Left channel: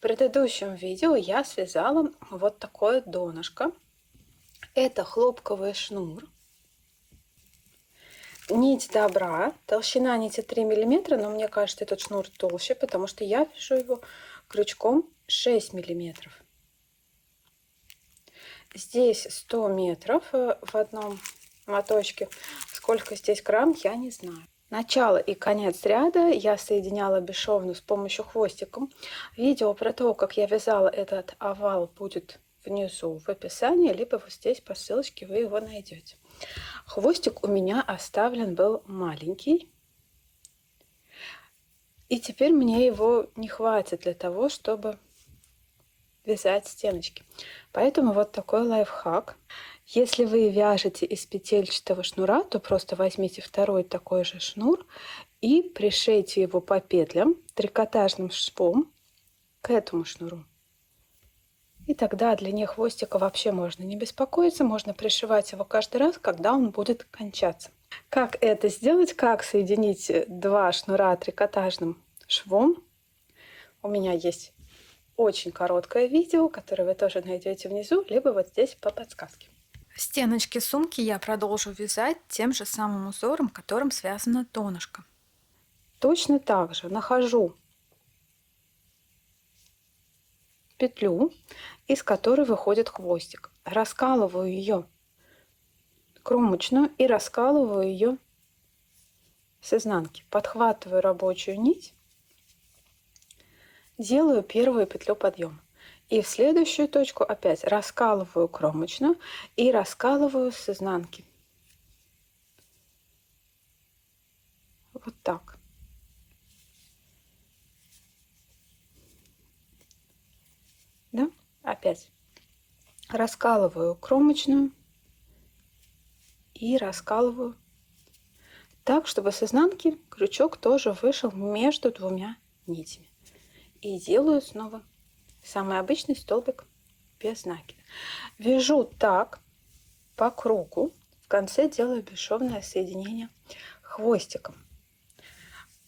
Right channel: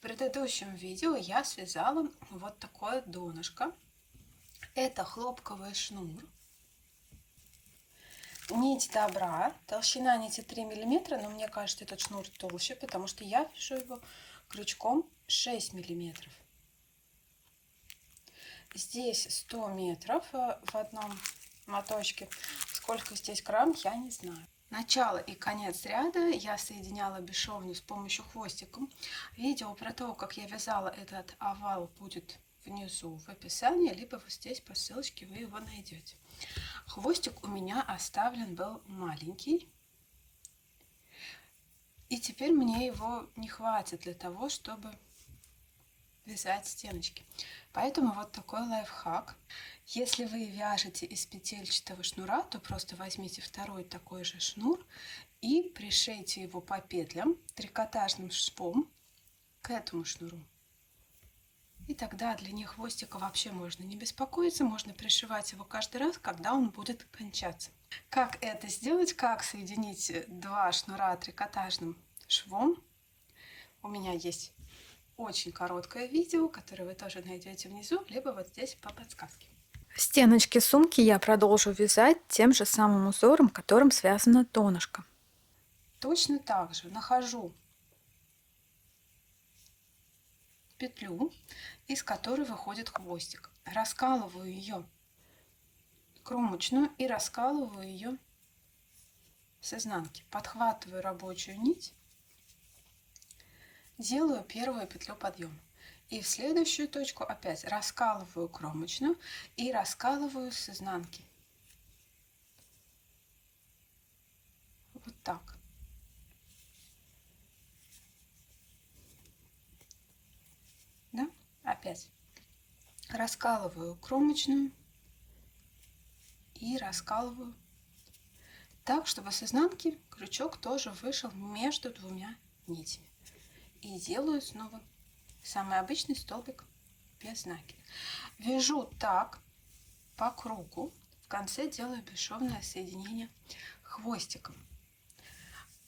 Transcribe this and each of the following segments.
В предыдущем видео я связала вот такое донышко. Это хлопковый шнур. Нить добра. Толщина нити 3 мм, но мне кажется, этот шнур толще, потому что я вяжу его крючком 6 мм. Здесь 100 метров в одном моточке. Сколько здесь грамм, я не знаю. Начало и конец ряда я соединяла бесшовно с помощью хвостиком. Видео про то, как я вязала этот овал, будет внизу в описании, либо вот здесь по ссылочке вы его найдете. Хвостик у меня оставлен был маленький. И теперь мне его не хватит для того, чтобы вязать стеночки. Поэтому вот такой лайфхак. Если вы вяжете из петельчатого шнура, то просто возьмите второй такой же шнур и пришейте его по петлям трикотажным швом к этому шнуру. И тогда для длине хвостика вообще можно не беспокоиться, можно пришивать его каждый раз, когда он будет кончаться. Как это сделать, как соединить два шнура трикотажным швом, у меня есть очень короткое видео, которое вы тоже найдете внизу, либо вот здесь по подсказке. Стеночки сумки я продолжу вязать тем же самым узором, которым связано донышко. Точно так же нахожу петлю, из которой выходит хвостик. Раскалываю ее кромочную и раскалываю ее с изнанки. Подхватываю рабочую нить, делаю первую петлю подъема. И в следующую точку опять раскалываю кромочную и раскалываю с изнанки. Вот так. Да? Опять раскалываю кромочную и раскалываю так, чтобы с изнанки крючок тоже вышел между двумя нитями. И делаю снова самый обычный столбик без накида. Вяжу так по кругу. В конце делаю бесшовное соединение хвостиком.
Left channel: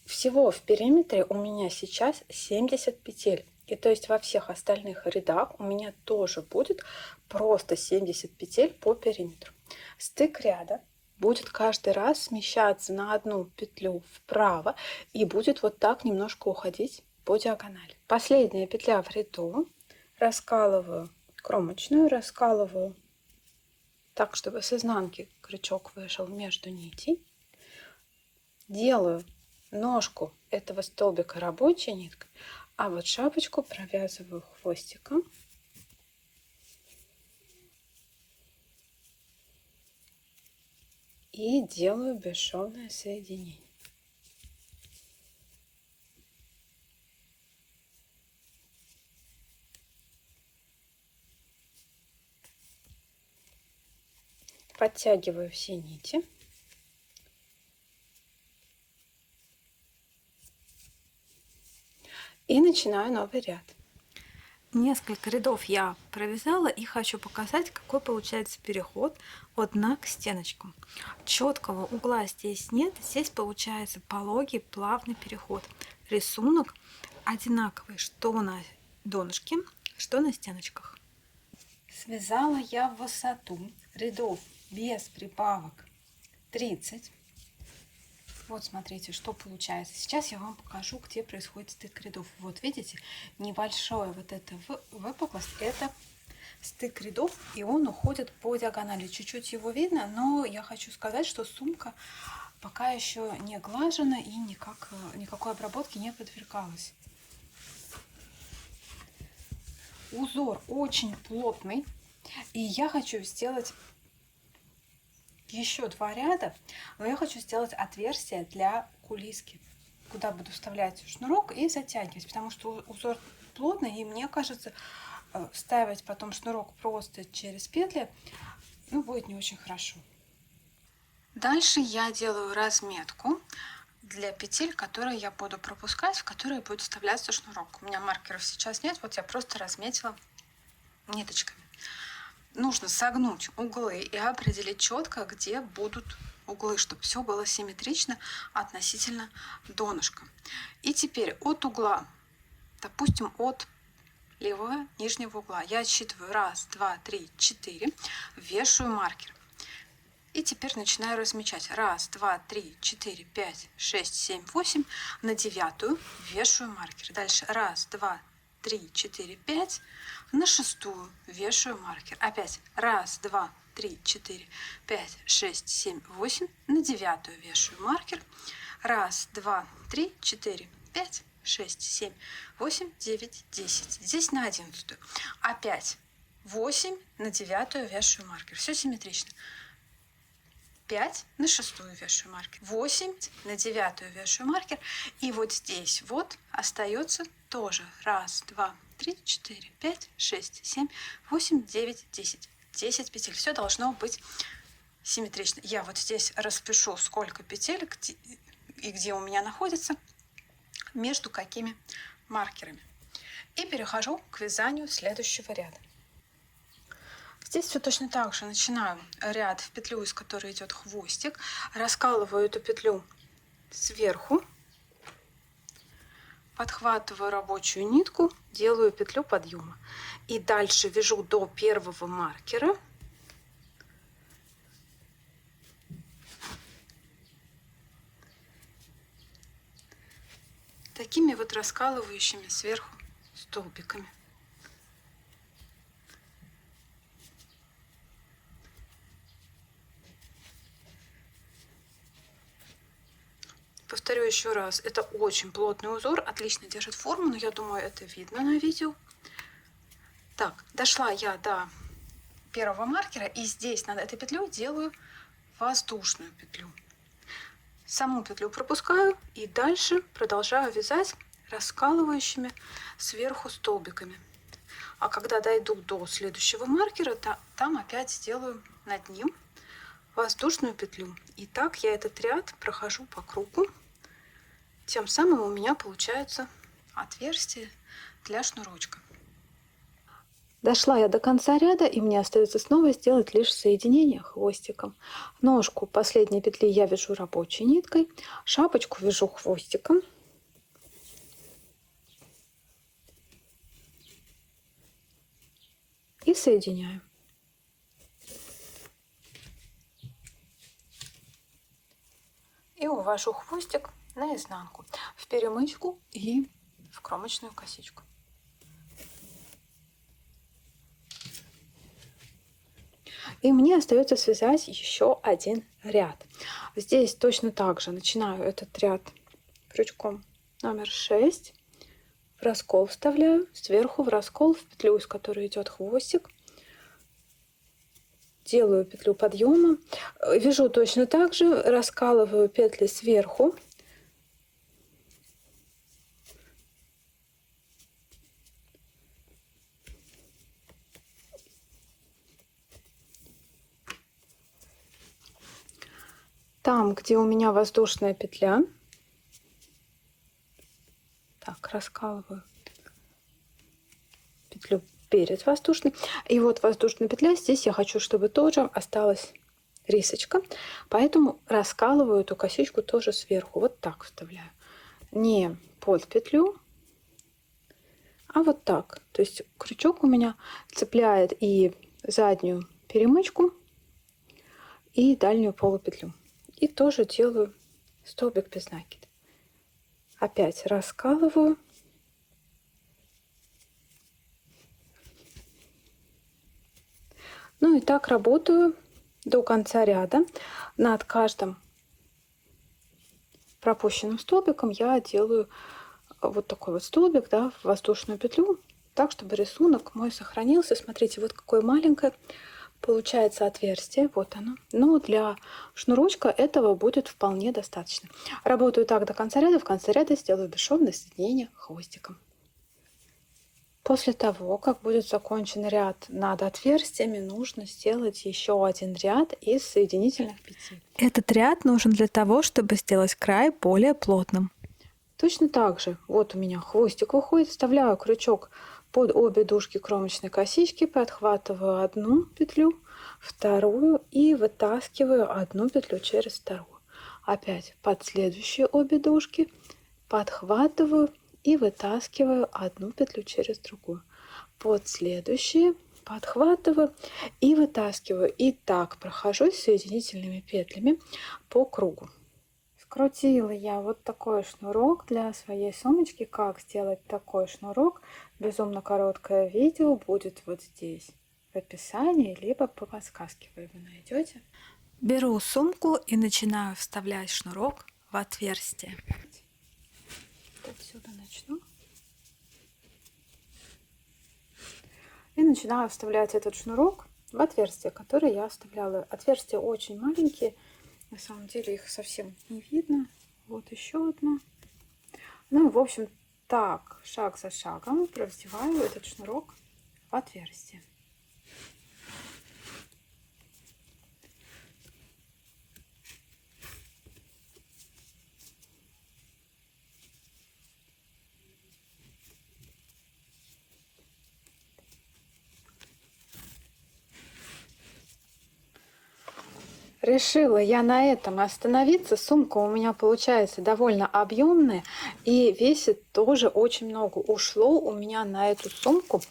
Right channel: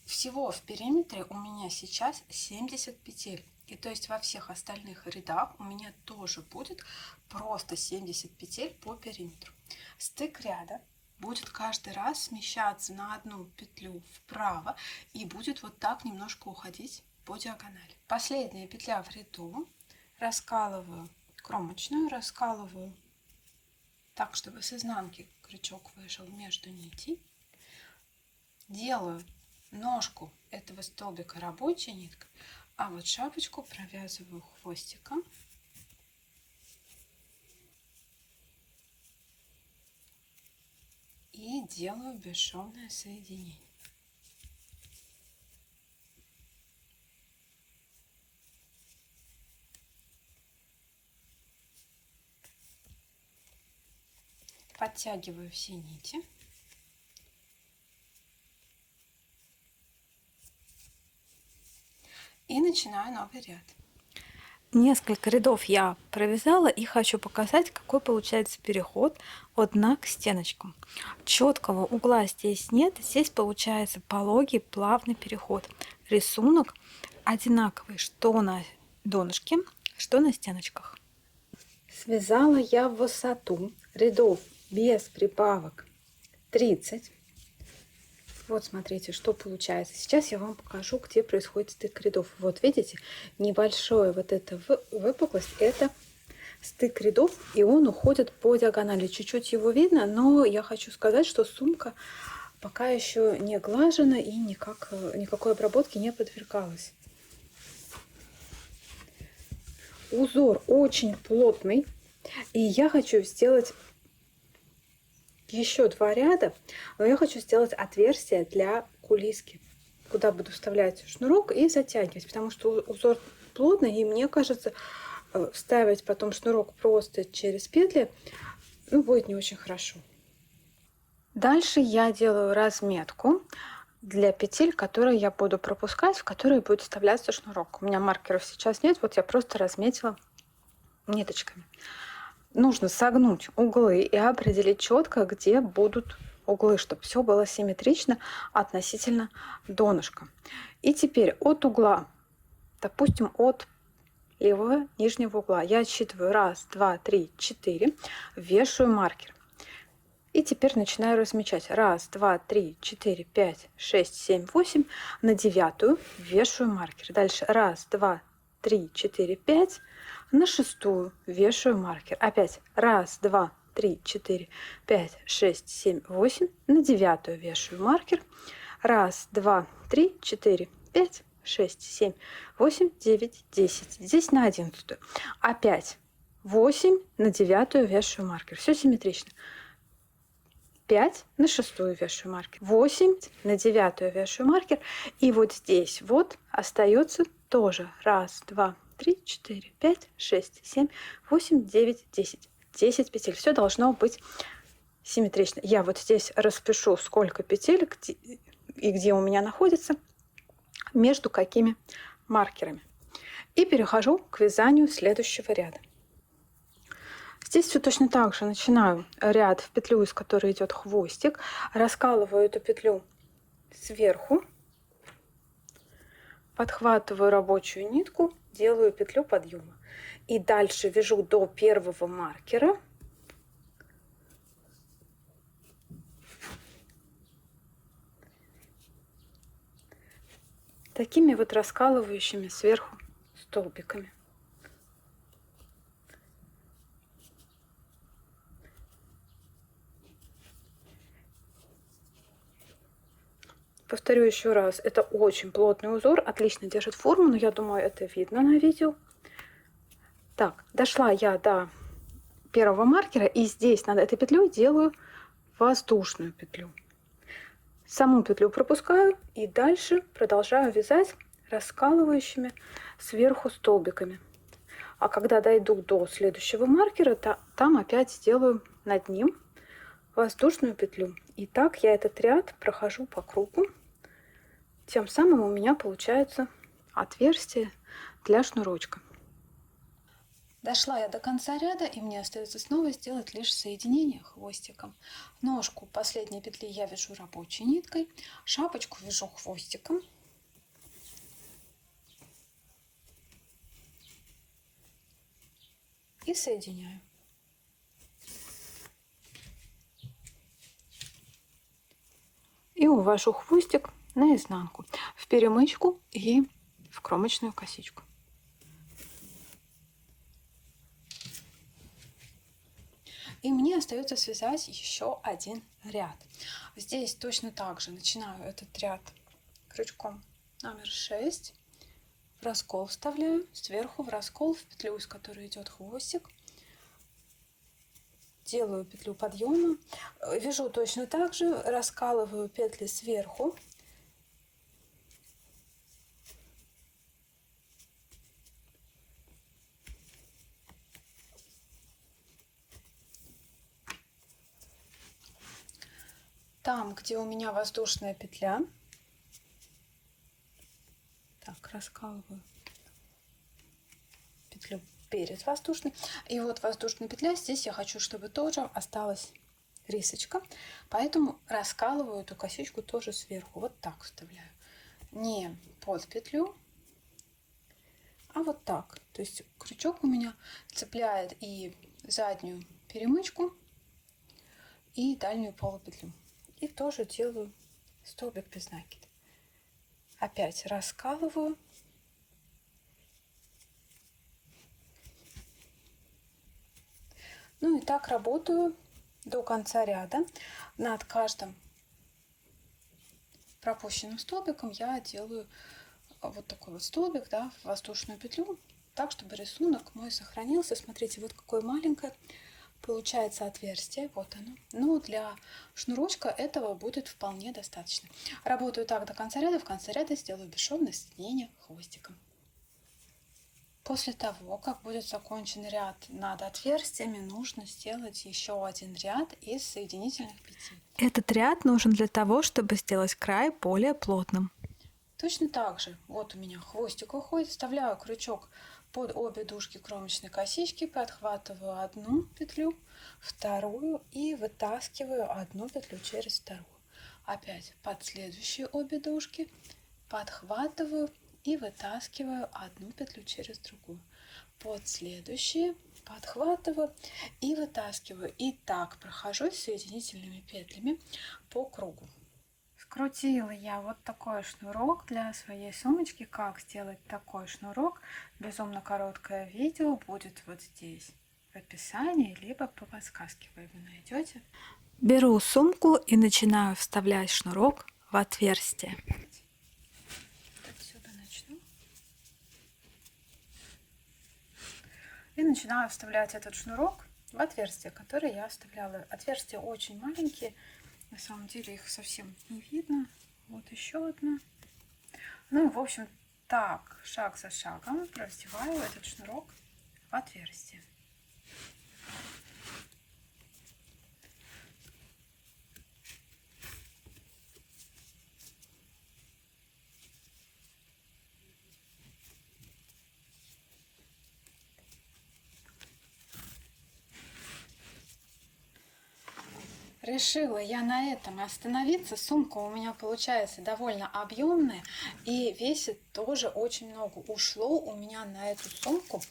Всего в периметре у меня сейчас 70 петель. И то есть во всех остальных рядах у меня тоже будет просто 70 петель по периметру. Стык ряда будет каждый раз смещаться на одну петлю вправо и будет вот так немножко уходить по диагонали. Последняя петля в ряду. Раскалываю кромочную, раскалываю так, чтобы с изнанки крючок вышел между нитей. Делаю ножку этого столбика рабочей ниткой, а вот шапочку провязываю хвостиком. И делаю бесшовное соединение. Подтягиваю все нити. И начинаю новый ряд. Несколько рядов я провязала и хочу показать, какой получается переход от дна к стеночкам. Четкого угла здесь нет, здесь получается пологий плавный переход. Рисунок одинаковый, что на донышке, что на стеночках. Связала я в высоту рядов без прибавок 30. Вот смотрите, что получается. Сейчас я вам покажу, где происходит стык рядов. Вот видите, небольшое вот это выпуклость, это стык рядов, и он уходит по диагонали. Чуть-чуть его видно, но я хочу сказать, что сумка пока еще не глажена и никакой обработки не подвергалась. Узор очень плотный, и я хочу сделать еще два ряда, но я хочу сделать отверстие для кулиски, куда буду вставлять шнурок и затягивать, потому что узор плотный, и мне кажется, вставить потом шнурок просто через петли, будет не очень хорошо. Дальше я делаю разметку для петель, которые я буду пропускать, в которые будет вставляться шнурок. У меня маркеров сейчас нет, вот я просто разметила ниточками. Нужно согнуть углы и определить четко, где будут углы, чтобы все было симметрично относительно донышка. И теперь от угла, допустим, от левого нижнего угла. Я отсчитываю 1, 2, 3, 4, вешаю маркер. И теперь начинаю размечать. 1, 2, 3, 4, 5, 6, 7, 8. На 9 вешаю маркер. Дальше 1, 2, 3, 4, 5. На 6 вешаю маркер. Опять 1, 2, 3, 4, 5, 6, 7, 8. На 9 вешаю маркер. 1, 2, 3, 4, 5, 6, 7, 8, 9, 10. Здесь на 11. Опять 8 на 9 вешаю маркер. Все симметрично. 5 на 6 вешаю маркер. 8 на 9 вешаю маркер. И вот здесь вот остается тоже 1, 2, 3, 4, 5, 6, 7, 8, 9, 10. 10 петель. Все должно быть симметрично. Я вот здесь распишу, сколько петель и где у меня находится, между какими маркерами. И перехожу к вязанию следующего ряда. Здесь все точно так же. Начинаю ряд в петлю, из которой идет хвостик, раскалываю эту петлю сверху, подхватываю рабочую нитку, делаю петлю подъема. И дальше вяжу до первого маркера. Такими вот раскалывающими сверху столбиками. Повторю еще раз, это очень плотный узор, отлично держит форму, но я думаю, это видно на видео. Так, дошла я до первого маркера, и здесь над этой петлей делаю воздушную петлю. Саму петлю пропускаю и дальше продолжаю вязать раскалывающими сверху столбиками. А когда дойду до следующего маркера, там опять сделаю над ним воздушную петлю. И так я этот ряд прохожу по кругу. Тем самым у меня получается отверстие для шнурочка. Дошла я до конца ряда, и мне остается снова сделать лишь соединение хвостиком. Ножку последней петли я вяжу рабочей ниткой, шапочку вяжу хвостиком. И соединяю. И увожу хвостик наизнанку, в перемычку и в кромочную косичку. И мне остается связать еще один ряд. Здесь точно так же начинаю этот ряд крючком номер 6. В раскол вставляю, сверху в раскол в петлю, из которой идет хвостик. Делаю петлю подъема. Вяжу точно так же, раскалываю петли сверху. Там, где у меня воздушная петля, так, раскалываю петлю перед воздушной. И вот воздушная петля, здесь я хочу, чтобы тоже осталась рисочка, поэтому раскалываю эту косичку тоже сверху. Вот так вставляю. Не под петлю, а вот так. То есть крючок у меня цепляет и заднюю перемычку, и дальнюю полупетлю. И тоже делаю столбик без накида. Опять раскалываю. Ну и так работаю до конца ряда. Над каждым пропущенным столбиком я делаю вот такой вот столбик, да, в воздушную петлю, так, чтобы рисунок мой сохранился. Смотрите, вот какое маленькое получается отверстие, вот оно. Но для шнурочка этого будет вполне достаточно. Работаю так до конца ряда. В конце ряда сделаю бесшовное соединение хвостиком. После того, как будет закончен ряд над отверстиями, нужно сделать еще один ряд из соединительных петель. Этот ряд нужен для того, чтобы сделать край более плотным. Точно так же, вот у меня хвостик выходит, вставляю крючок под обе дужки кромочной косички, подхватываю одну петлю, вторую и вытаскиваю одну петлю через вторую. Опять под следующие обе дужки подхватываю и вытаскиваю одну петлю через другую. под следующие, подхватываю и вытаскиваю. И так прохожусь соединительными петлями по кругу. Скрутила я вот такой шнурок для своей сумочки. Как сделать такой шнурок? Безумно короткое видео будет вот здесь в описании, либо по подсказке вы его найдете. Беру сумку и начинаю вставлять шнурок в отверстие. Отсюда начну. И начинаю вставлять этот шнурок в отверстие, которое я оставляла. Отверстия очень маленькие. На самом деле их совсем не видно. Вот еще одно. Ну и в общем так, шаг за шагом продеваю этот шнурок в отверстие. Решила я на этом остановиться. Сумка у меня получается довольно объемная и весит тоже очень много. Ушло у меня на эту сумку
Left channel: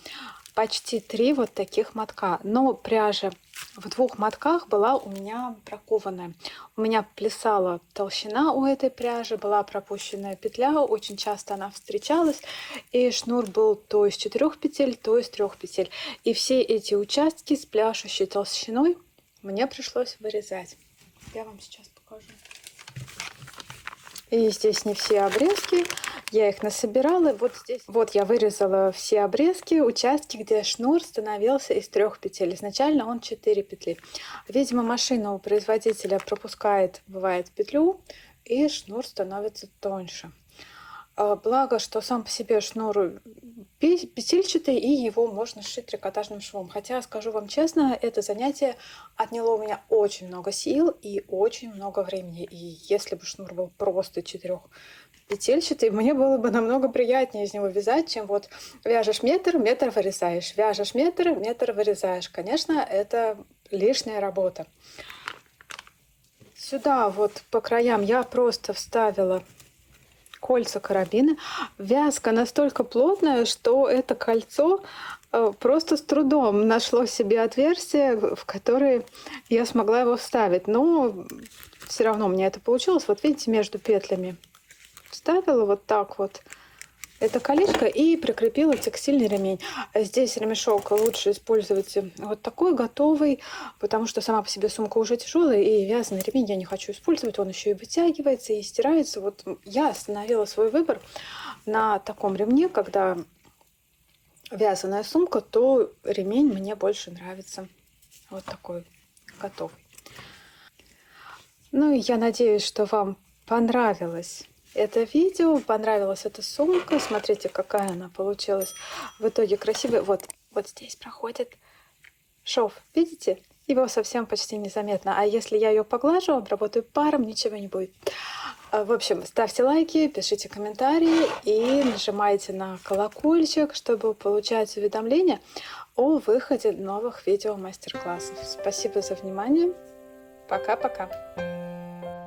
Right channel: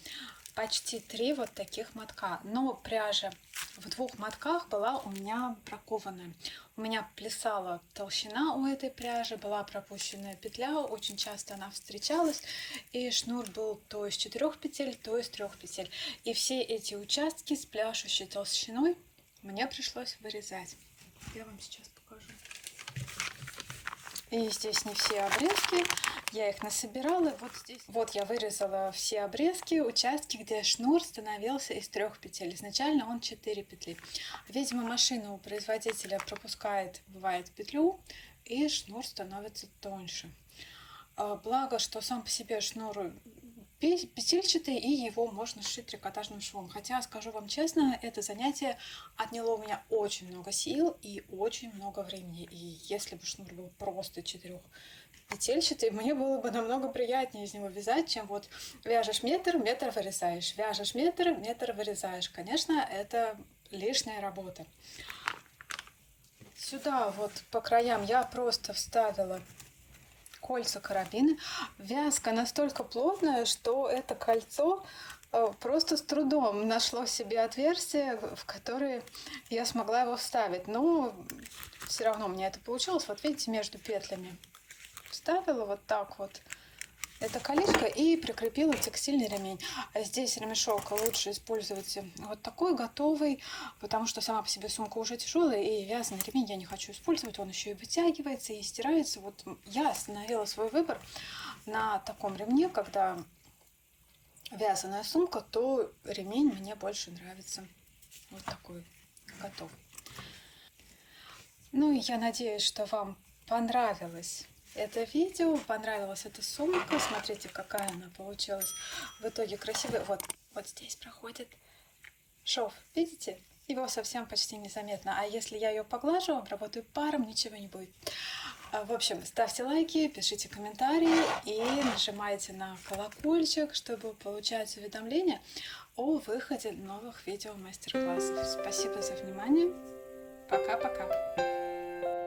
почти 3 вот таких мотка. Но пряжа в 2 мотках была у меня бракованная. У меня плясала толщина у этой пряжи, была пропущенная петля. Очень часто она встречалась. И шнур был то из 4 петель, то из 3 петель. И все эти участки с пляшущей толщиной мне пришлось вырезать. Я вам сейчас покажу. И здесь не все обрезки. Я их насобирала. Вот здесь вот я вырезала все обрезки, участки, где шнур становился из 3 петель. Изначально он 4 петли. Видимо, машина у производителя пропускает, бывает, петлю, и шнур становится тоньше. Благо, что сам по себе шнур петельчатый, и его можно сшить трикотажным швом. Хотя, скажу вам честно, это занятие отняло у меня очень много сил и очень много времени. И если бы шнур был просто 4-петельчатый, мне было бы намного приятнее из него вязать, чем вот вяжешь метр, метр вырезаешь, вяжешь метр, метр вырезаешь. Конечно, это лишняя работа. Сюда вот по краям я просто вставила кольца карабина. Вязка настолько плотная, что это кольцо просто с трудом нашло себе отверстие, в которое я смогла его вставить. Но все равно у меня это получилось. Вот видите, между петлями вставила вот так вот это колечко и прикрепила текстильный ремень. Здесь ремешок лучше использовать вот такой готовый, потому что сама по себе сумка уже тяжелая, и вязаный ремень я не хочу использовать. Он еще и вытягивается, и стирается. Вот я остановила свой выбор на таком ремне. Когда вязаная сумка, то ремень мне больше нравится. Вот такой готовый. Ну и я надеюсь, что вам понравилось это видео, понравилась эта сумка. Смотрите, какая она получилась в итоге красивая. Вот здесь проходит шов, видите? Его совсем почти незаметно. А если я ее поглажу, обработаю паром, ничего не будет. В общем, ставьте лайки, пишите комментарии и нажимайте на колокольчик, чтобы получать уведомления о выходе новых видео мастер-классов. Спасибо за внимание. Пока-пока.